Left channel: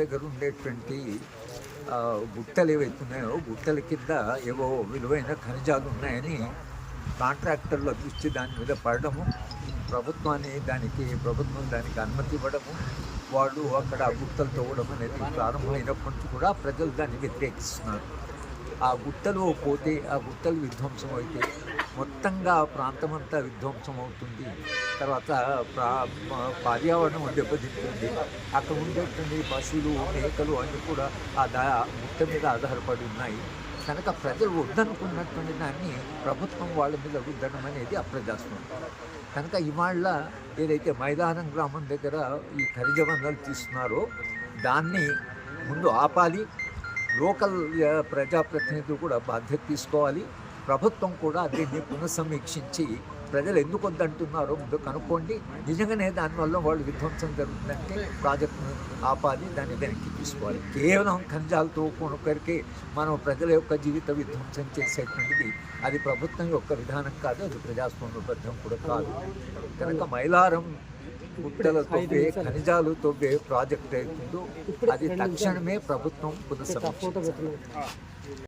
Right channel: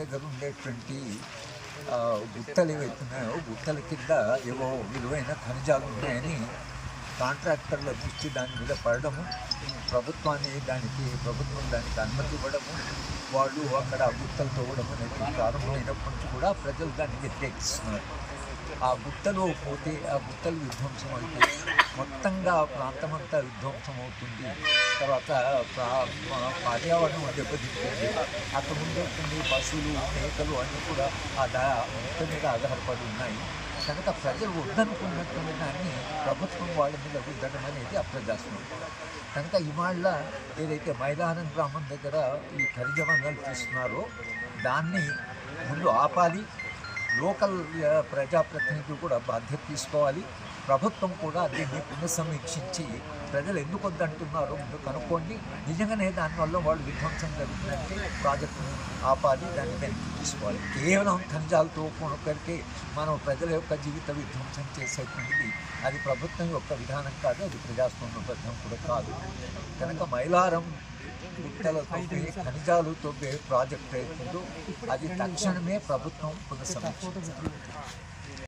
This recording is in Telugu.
దగ్గర ఉండేటువంటి గుట్టలు ఏవైతున్నాయో గుట్టల కింద ఏవో విలువైన ఖనిజాలు ఉన్నాయని కాంట్రాక్టర్ల దృష్టి దాని మీద పడడము ప్రభుత్వాన్ని దానికి ప్రభుత్వం దానికి అనుమతి ఇవ్వడము వాళ్ళు అక్కడ గుట్టలు తవ్వడం అనేది ప్రారంభమైనప్పటి నుంచి కూడా ప్రజలు దాన్ని వ్యతిరేకిస్తున్నారు. ఆ గుట్టలు పోతే ఆ గుట్టలు విధ్వంసం అయితే మొత్తంగా ప్రాంతమంతా ప్రాంతం అంతా విధ్వంసం అవుతుంది తర్వాత ప్రా పర్యావరణం దెబ్బతింటుంది. అక్కడ ఉండేటువంటి పశువులు మేకలు అన్నీ కూడా ఆ దా మొత్తం మీద ఆధారపడి ఉన్నాయి. కనుక ప్రజలు వద్దనుకున్నటువంటి దాన్ని ప్రభుత్వం వాళ్ళ మీద వద్దనం అనేది అప్రజాస్వామ్యం. కనుక ఇవాళ ఏదైతే మైదానం గ్రామం దగ్గర ఈ ఖనిజ వనరులు తీస్తున్నారో దాన్ని ముందు ఆపాలి. లోకల్ ప్రజాప్రతినిధులు కూడా బాధ్యత తీసుకోవాలి. ప్రభుత్వం కూడా దీన్ని పునఃసమీక్షించి ప్రజలు ఎందుకు వద్దంటున్నారో ముందు కనుక్కోండి. నిజంగానే దానివల్ల వాళ్ళు విధ్వంసం జరుగుతుందంటే ప్రాజెక్టును ఆపాలి దాన్ని వెనక్కి తీసుకోవాలి. కేవలం ఖనిజాలతో కొనుక్కరికి మనం ప్రజల యొక్క జీవిత విధ్వంసం చేసేటువంటిది అది ప్రభుత్వం యొక్క విధానం కాదు అది ప్రజాస్వామ్యబద్ధం కూడా కాదు. కనుక మైలారం గుట్టల తవ్వే ఖనిజాలు తవ్వే ప్రాజెక్ట్ అవుతుందో అది తక్షణమే ప్రభుత్వం పునఃసమీక్షించాలి.